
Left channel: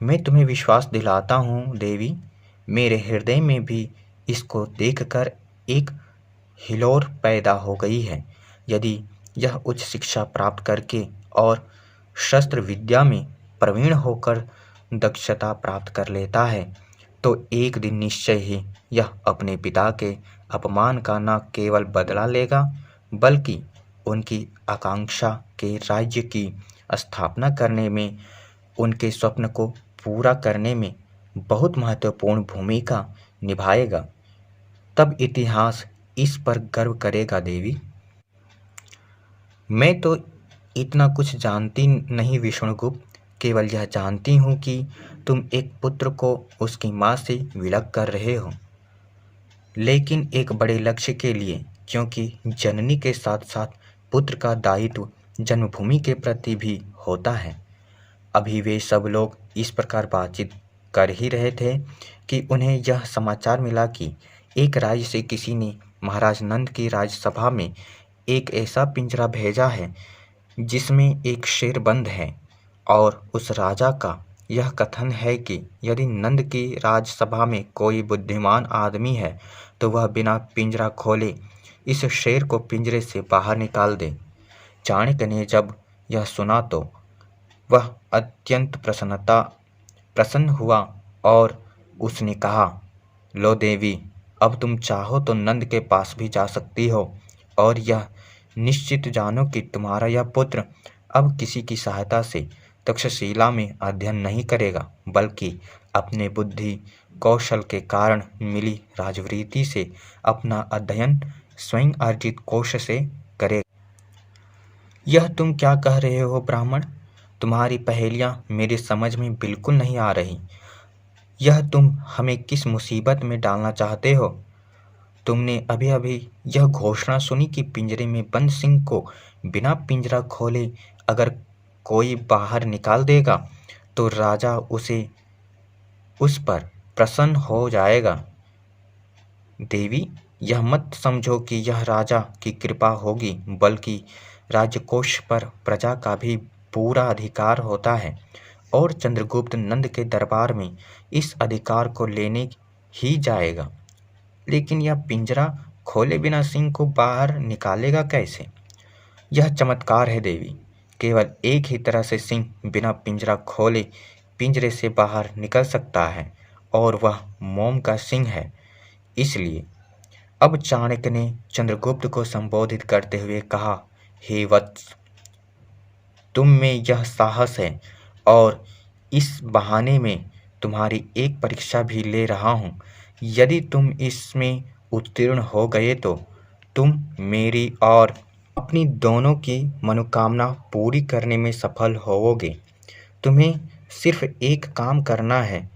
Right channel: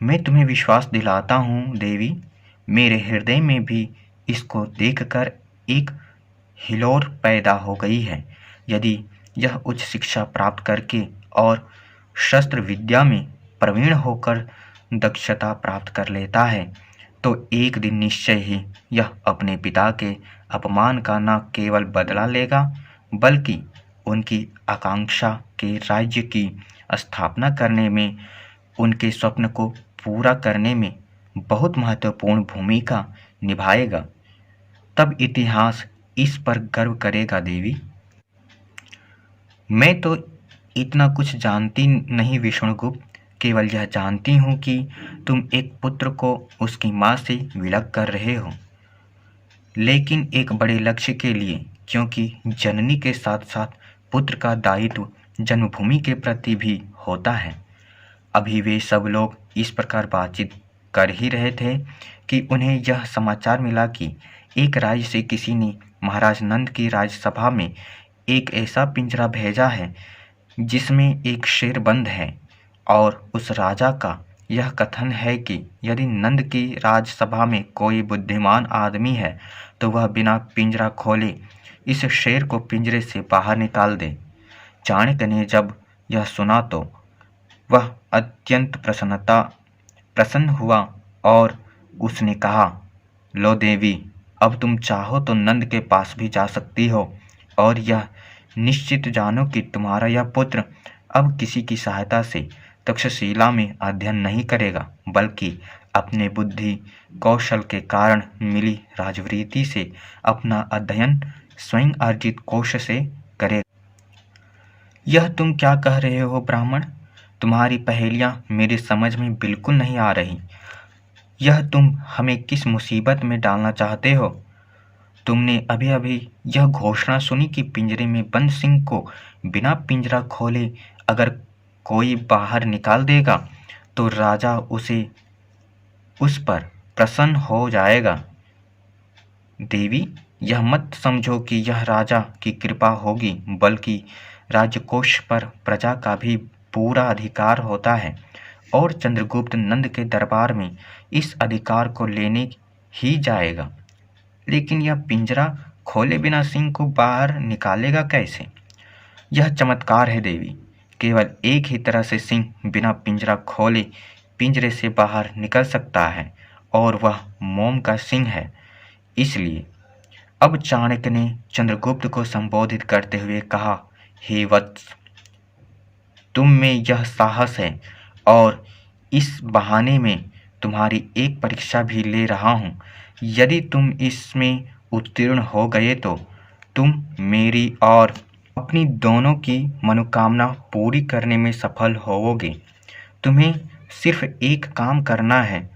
मैं तुम्हें विश्वास दिलाता हूँ देवी, मेरे हृदय में भी इसको देखकर एक हिलोर पैदा हो गई है। यदि यह उच्च शिक्षा प्राप्त करके और शस्त्र विद्या में प्रवीण होकर दक्षता प्राप्त कर लेता है तो एक दिन निश्चय ही यह अपने पिता के अपमान का न केवल बदला लेगा बल्कि उनकी आकांक्षा के राज्य की स्थापना करने में, उनके स्वप्न को पूरा करने में बहुत महत्वपूर्ण भूमिका निभाएगा। तब इतिहास इस पर गर्व करेगा देवी। मैं तो इतना कुछ जानती नहीं विष्णुगुप्त, केवल यह जानती हूँ कि तुम एक पुत्र को उसकी माँ से विलग कर रहे हो, लेकिन एक बड़े लक्ष्य के लिए, क्योंकि जननी के साथ साथ पुत्र का दायित्व जन्मभूमि के प्रति भी होता है। अभी वे सब लोग इस प्रकार बातचीत कर ही रहे थे कि उन्हें यह समाचार मिला कि एक राज्य से किसी ने महाराज नंद की राज्यसभा में एक ऐसा पिंजरा भेजा है जिसमें एक शेर बंद है और उस राजा का यह कथन है कि यदि नंद की राज्यसभा में कोई बुद्धिमान आदमी है तो वह बिना पिंजरा खोले इस शेर को पिंजरे से बाहर निकाल दे। चाणक्य ने जब यह सुना तो वह अत्यंत प्रसन्न हुआ और उसने कहा, लो देवी, अब तुम चाहो तो नंद के पास भी जा सकती हो और यह निश्चित जानो कि तुम्हारा यह पुत्र अब किसी की सहायता से तक्षशिला में अध्ययन नहीं करेगा, बल्कि अपने बुद्धि कौशल के कारण मिली राजवृत्ति से अपना अध्ययन स्वयं अर्जित कोश से करेगा। यह तुम क्या कह रहे हो ब्राह्मण? तुम्हारी पहेलियां मेरी समझ में बिल्कुल नहीं आ रही। यह तुम हमें किस मुसीबत में डालना चाहते हो? तुमने अभी अभी यह घोषणा सुनी कि पिंजरे में बंद सिंह को बिना पिंजरा खोले अगर कोई बाहर निकाल देगा तो राजा उस पर प्रसन्न हो जाएगा। देवी, यह मत समझो कि यह राजा की कृपा होगी, बल्कि राजकोष पर प्रजा का भी पूरा अधिकार होता है और चंद्रगुप्त नंद के दरबार में इस अधिकार को लेने ही जाएगा। लेकिन यह पिंजरा खोले बिना सिंह को बाहर निकालेगा कैसे? यह चमत्कार है देवी। केवल एक ही तरह से सिंह बिना पिंजरा खोले पिंजरे से बाहर निकल सकता है और वह मोम का सिंह है। इसलिए अब चाणक्य ने चंद्रगुप्त को संबोधित करते हुए कहा, हे वत्स, तुम में यह साहस है और इस बहाने में तुम्हारी एक परीक्षा भी ले रहा हूँ। यदि तुम इसमें उत्तीर्ण हो गए तो तुम मेरी और अपनी दोनों की मनोकामना पूरी करने में सफल होवोगे। तुम्हें सिर्फ एक काम करना है,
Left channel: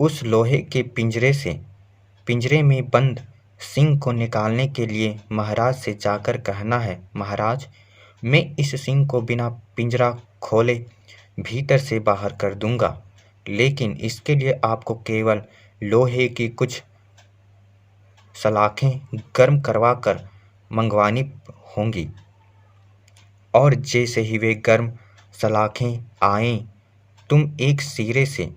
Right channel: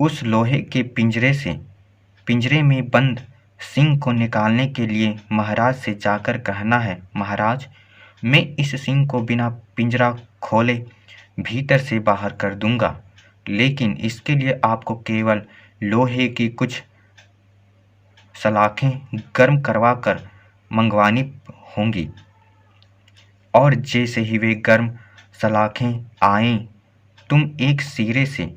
उस लोहे के पिंजरे में बंद सिंह को निकालने के लिए महाराज से जाकर कहना है, महाराज, मैं इस सिंह को बिना पिंजरा खोले भीतर से बाहर कर दूंगा, लेकिन इसके लिए आपको केवल लोहे की कुछ सलाखें गर्म करवा कर मंगवानी होंगी और जैसे ही वे गर्म सलाखें आएं, तुम एक सिरे से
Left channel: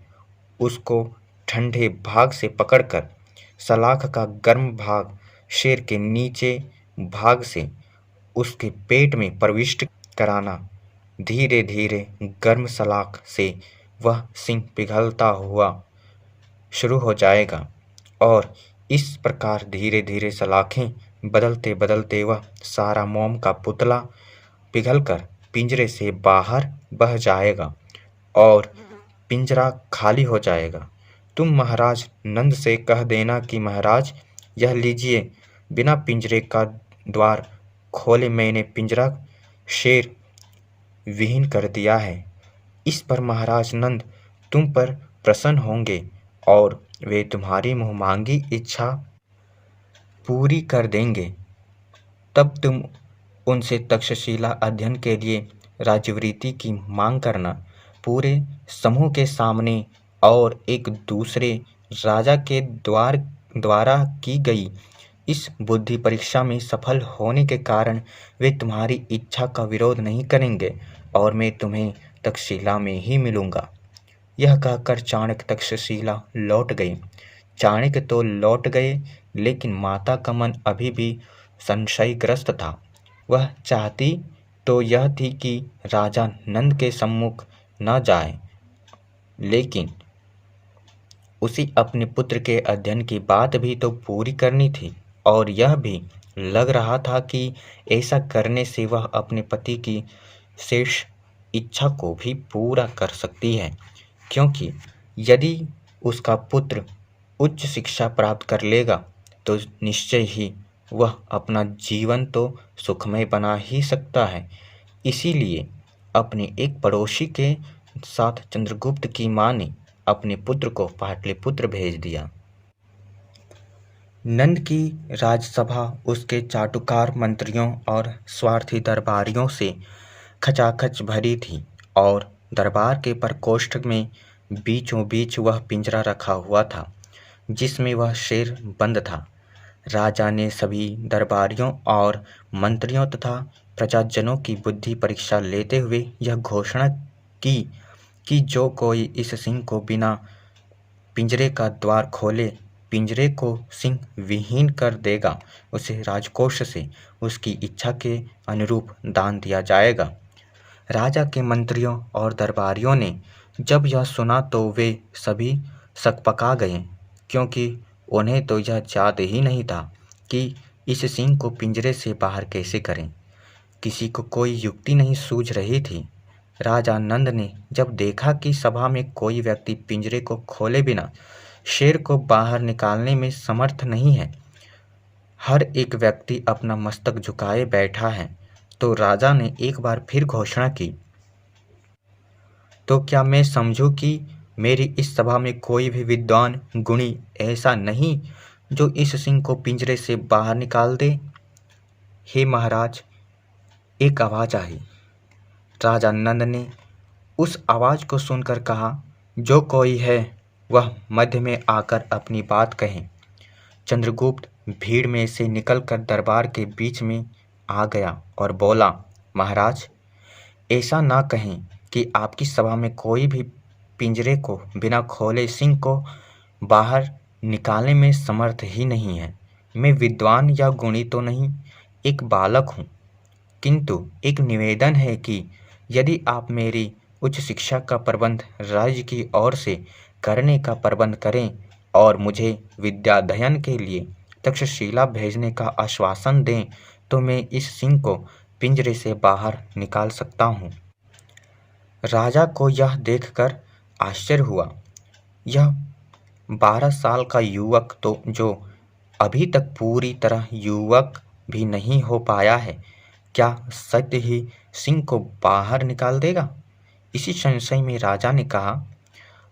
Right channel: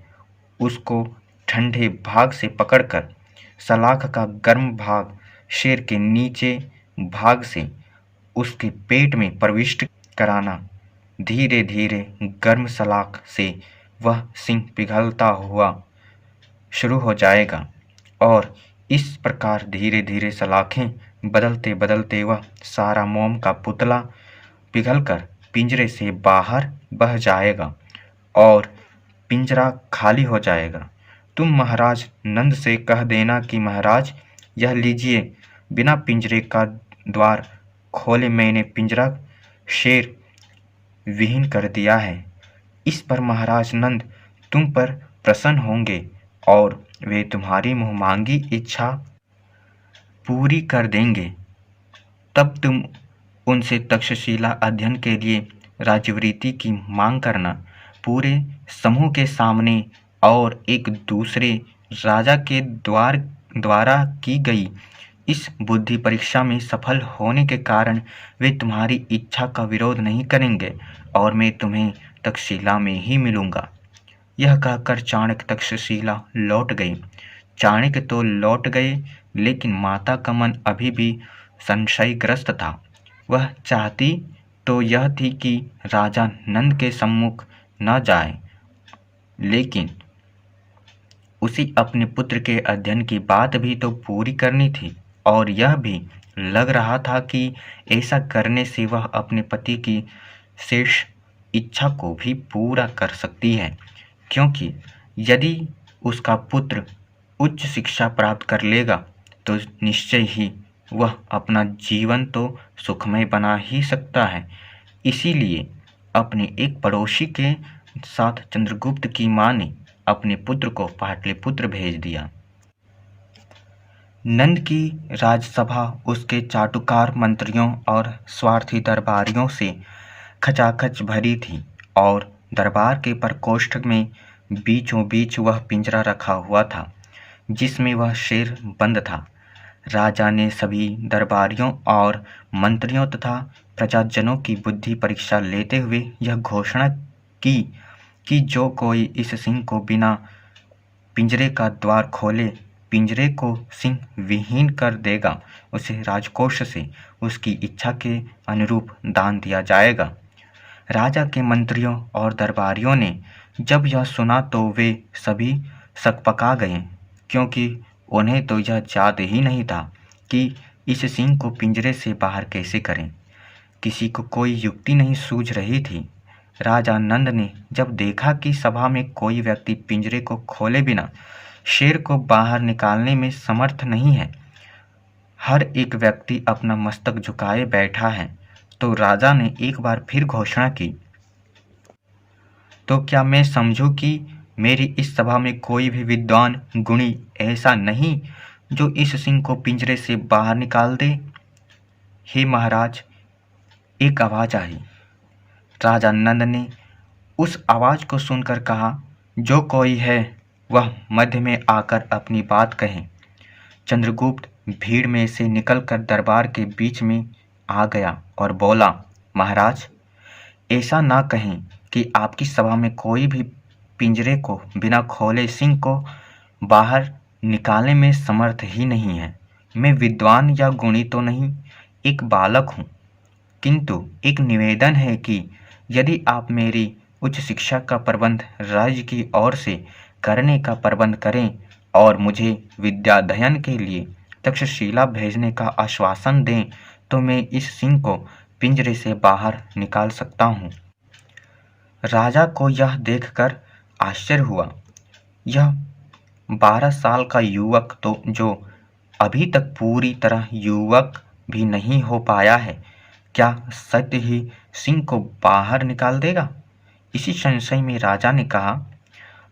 उसको ठंडे भाग से पकड़कर सलाख का गर्म भाग शेर के नीचे भाग से उसके पेट में प्रविष्ट कराना। धीरे धीरे गर्म सलाख से वह सिंह पिघलता हुआ शुरू हो जाएगा और इस प्रकार धीरे धीरे सलाखें बदलते बदलते वह सारा मोम का पुतला पिघलकर पिंजरे से बाहर बह जाएगा और पिंजरा खाली हो जाएगा। तुम महाराज नंद से कह देना कि महाराज, यह लीजिए, बिना पिंजरे का द्वार खोले मैंने पिंजरा शेर विहीन कर दिया है। इस पर महाराज नंद तुम पर प्रसन्न होंगे और वे तुम्हारी मुहमांगी इच्छा पूरी कर देंगे। तब तुम उनसे तक्षशिला अध्ययन के लिए राजवृत्ति की मांग करना। पूरे समूह के सामने और एक दूसरे राजा के द्वारा की गई इस बुद्धि परीक्षा में सफल होने के कारण वे तुम्हारी इच्छा का विरोध नहीं करेंगे और मैं तुम्हें तक्षशिला में ही मिलूंगा। यह कहकर चाणक्य तक्षशिला लौट गए। चाणक्य तो लौट गए, लेकिन माता का मन अभी भी संशयग्रस्त था। वह चाहती तो यह थी कि राजा नंद के सम्मुख न जाए, लेकिन उसी अपने पुत्र के अध्ययन की बात भी तो पूरी करनी थी और यह भी लग रहा था कि ऐसा करने से वह अपने पति की शेष इच्छा को भी पूरा कर सकती है, क्योंकि यदि उसका पुत्र उच्च शिक्षा प्राप्त कर लेगा तो निश्चय ही वह अपना जीवन तो सुखमय बना ही सकता है। इसीलिए अपने एक पड़ोसी के साथ चंद्रगुप्त की मां ने अपने पुत्र को पाटलिपुत्र भेज दिया। नंद की राजसभा उसके चाटुकार मंत्रियों और स्वार्थी दरबारियों से खचाखच भरी थी और दरबार के प्रकोष्ठ में बीचों बीच वह पिंजरा रखा हुआ था जिसमें वह शेर बंद था। राजा ने सभी दरबारियों और मंत्रियों तथा प्रजाजनों की बुद्धि परीक्षा लेते हुए यह घोषणा की कि जो कोई इस सिंह को बिना पिंजरे का द्वार खोले पिंजरे को सिंह विहीन कर देगा, उसे राजकोष से उसकी इच्छा के अनुरूप दान दिया जाएगा। राजा के मंत्रियों और दरबारियों ने जब यह सुना तो वे सभी सकपका गए, क्योंकि उन्हें तो यह याद ही नहीं था कि इस सिंह को पिंजरे से बाहर कैसे करें। किसी को कोई युक्ति नहीं सूझ रही थी। राजा नंद ने जब देखा कि सभा में कोई व्यक्ति पिंजरे को खोले बिना शेर को बाहर निकालने में समर्थ नहीं है, हर एक व्यक्ति अपना मस्तक झुकाए बैठा है, तो राजा ने एक बार फिर घोषणा की, तो क्या मैं समझूं कि मेरी इस सभा में कोई भी विद्वान गुणी ऐसा नहीं जो इस सिंह को पिंजरे से बाहर निकाल दे। हे महाराज, एक आवाज़ आई। राजा नंद ने उस आवाज़ को सुनकर कहा, जो कोई है वह मध्य में आकर अपनी बात कहे। चंद्रगुप्त भीड़ में से निकलकर दरबार के बीच में आ गया और बोला, महाराज, ऐसा ना कहें कि आपकी सभा में कोई भी पिंजरे को बिना खोले सिंह को बाहर निकालने में समर्थ ही नहीं है। मैं विद्वान या गुणी तो नहीं, एक बालक हूँ, किंतु एक निवेदन है कि यदि आप मेरी उच्च शिक्षा का प्रबंध राज्य की ओर से करने का प्रबंध करें और मुझे विद्याध्ययन के लिए तक्षशिला भेजने का आश्वासन दें, तो मैं इस सिंह को पिंजरे से बाहर निकाल सकता हूँ। राजा को यह देखकर आश्चर्य हुआ। यह 12 साल का युवक, तो जो अभी तक पूरी तरह युवक भी नहीं हो पाया है, क्या सत्य ही सिंह को बाहर निकाल देगा? इसी संशय में राजा ने कहा,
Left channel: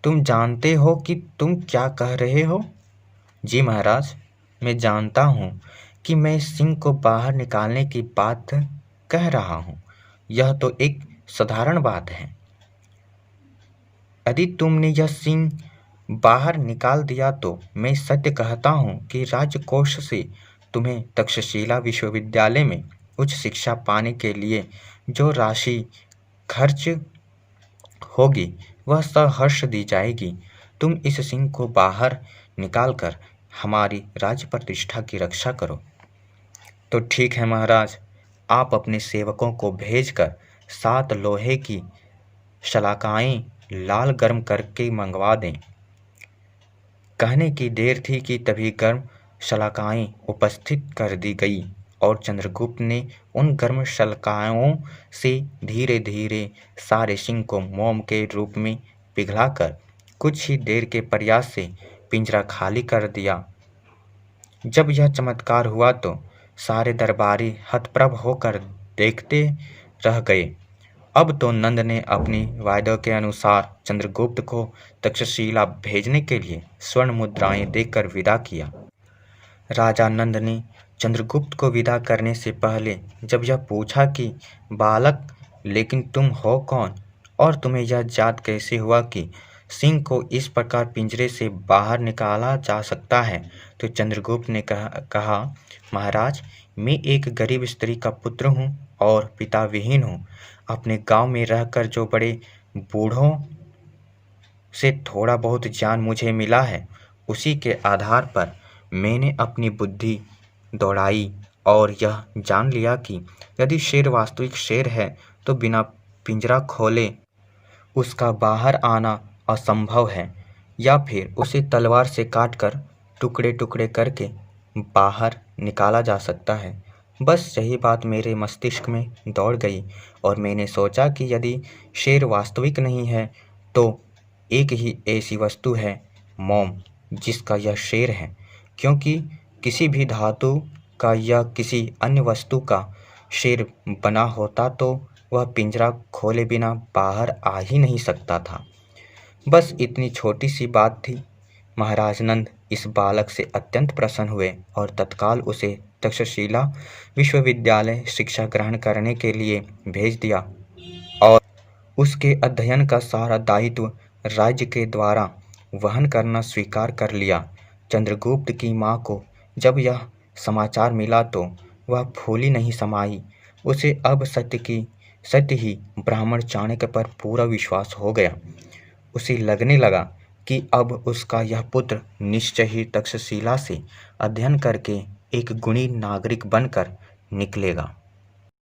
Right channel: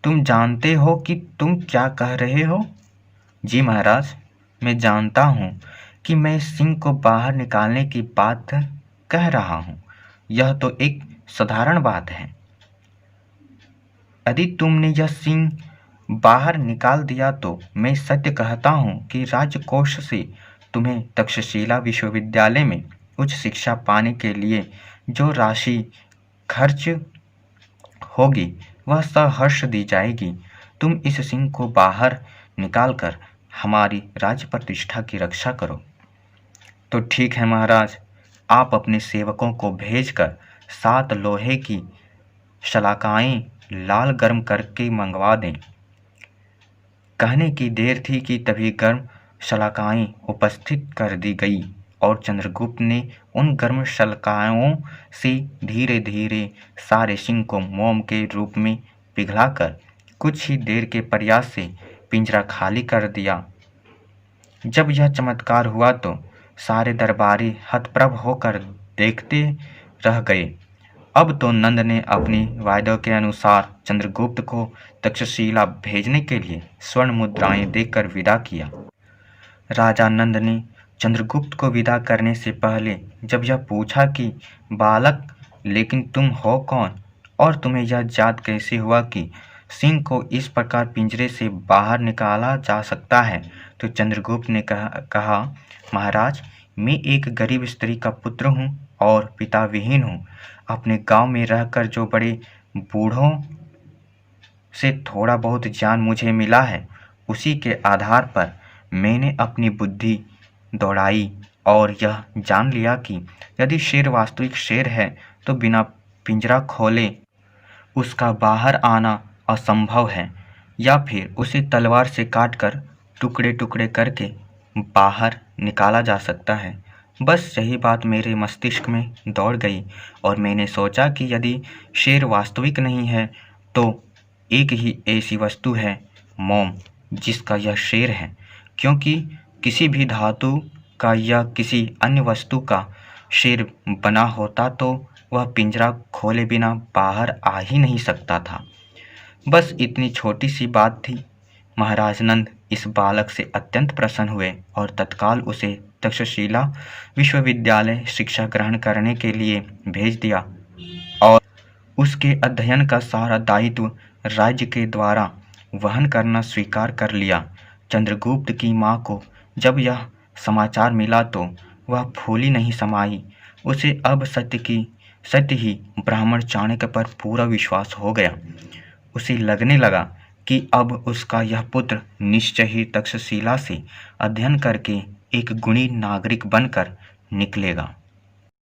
तुम जानते हो कि तुम क्या कह रहे हो? जी महाराज, मैं जानता हूँ कि मैं सिंह को बाहर निकालने की बात कह रहा हूँ। यह तो एक साधारण बात है। यदि तुमने यह सिंह बाहर निकाल दिया तो मैं सत्य कहता हूँ कि राजकोष से तुम्हें तक्षशिला विश्वविद्यालय में उच्च शिक्षा पाने के लिए जो राशि खर्च होगी वह सहर्ष दी जाएगी। तुम इस सिंह को बाहर निकालकर हमारी राज्य प्रतिष्ठा की रक्षा करो। तो ठीक है महाराज, आप अपने सेवकों को भेजकर 7 लोहे की शलाकाएं लाल गर्म करके मंगवा दें। कहने की देर थी कि तभी गर्म शलाकाएं उपस्थित कर दी गई और चंद्रगुप्त ने उन गर्म शलाकाओं से धीरे धीरे सारे सिंह को मोम के रूप में पिघलाकर कुछ ही देर के प्रयास से पिंजरा खाली कर दिया। जब यह चमत्कार हुआ तो सारे दरबारी हतप्रभ होकर देखते रह गए। अब तो नंद ने अपनी वायदों के अनुसार चंद्रगुप्त को तक्षशिला भेजने के लिए स्वर्ण मुद्राएं देकर विदा किया। राजा नंद ने चंद्रगुप्त को विदा करने से पहले जब यह पूछा कि बालक, लेकिन तुम हो कौन और तुम्हें यह याद कैसे हुआ कि सिंह को इस प्रकार पिंजरे से बाहर निकाला जा सकता है, तो चंद्रगुप्त ने कहा, महाराज, मैं एक गरीब स्त्री का पुत्र हूँ और पिता विहीन हूँ। अपने गांव में रहकर जो बड़े बूढ़ों से थोड़ा बहुत ज्ञान मुझे मिला है, उसी के आधार पर मैंने अपनी बुद्धि दौड़ाई और यह जान लिया कि यदि शेर वास्तविक शेर है तो बिना पिंजरा खोले उसका बाहर आना असंभव है, या फिर उसे तलवार से काटकर टुकड़े टुकड़े करके बाहर निकाला जा सकता है। बस यही बात मेरे मस्तिष्क में दौड़ गई और मैंने सोचा कि यदि शेर वास्तविक नहीं है तो एक ही ऐसी वस्तु है, मोम, जिसका यह शेर है, क्योंकि किसी भी धातु का या किसी अन्य वस्तु का शेर बना होता तो वह पिंजरा खोले बिना बाहर आ ही नहीं सकता था। बस इतनी छोटी सी बात थी। महाराज नंद इस बालक से अत्यंत प्रसन्न हुए और तत्काल उसे तक्षशिला विश्वविद्यालय शिक्षा ग्रहण करने के लिए भेज दिया और उसके अध्ययन का सारा दायित्व राज्य के द्वारा वहन करना स्वीकार कर लिया। चंद्रगुप्त की माँ को जब यह समाचार मिला तो वह फूली नहीं समाई। उसे अब सत्य ही ब्राह्मण चाणक्य पर पूरा विश्वास हो गया। उसे लगने लगा कि अब उसका यह पुत्र निश्चय ही तक्षशिला से अध्ययन करके एक गुणी नागरिक बनकर निकलेगा।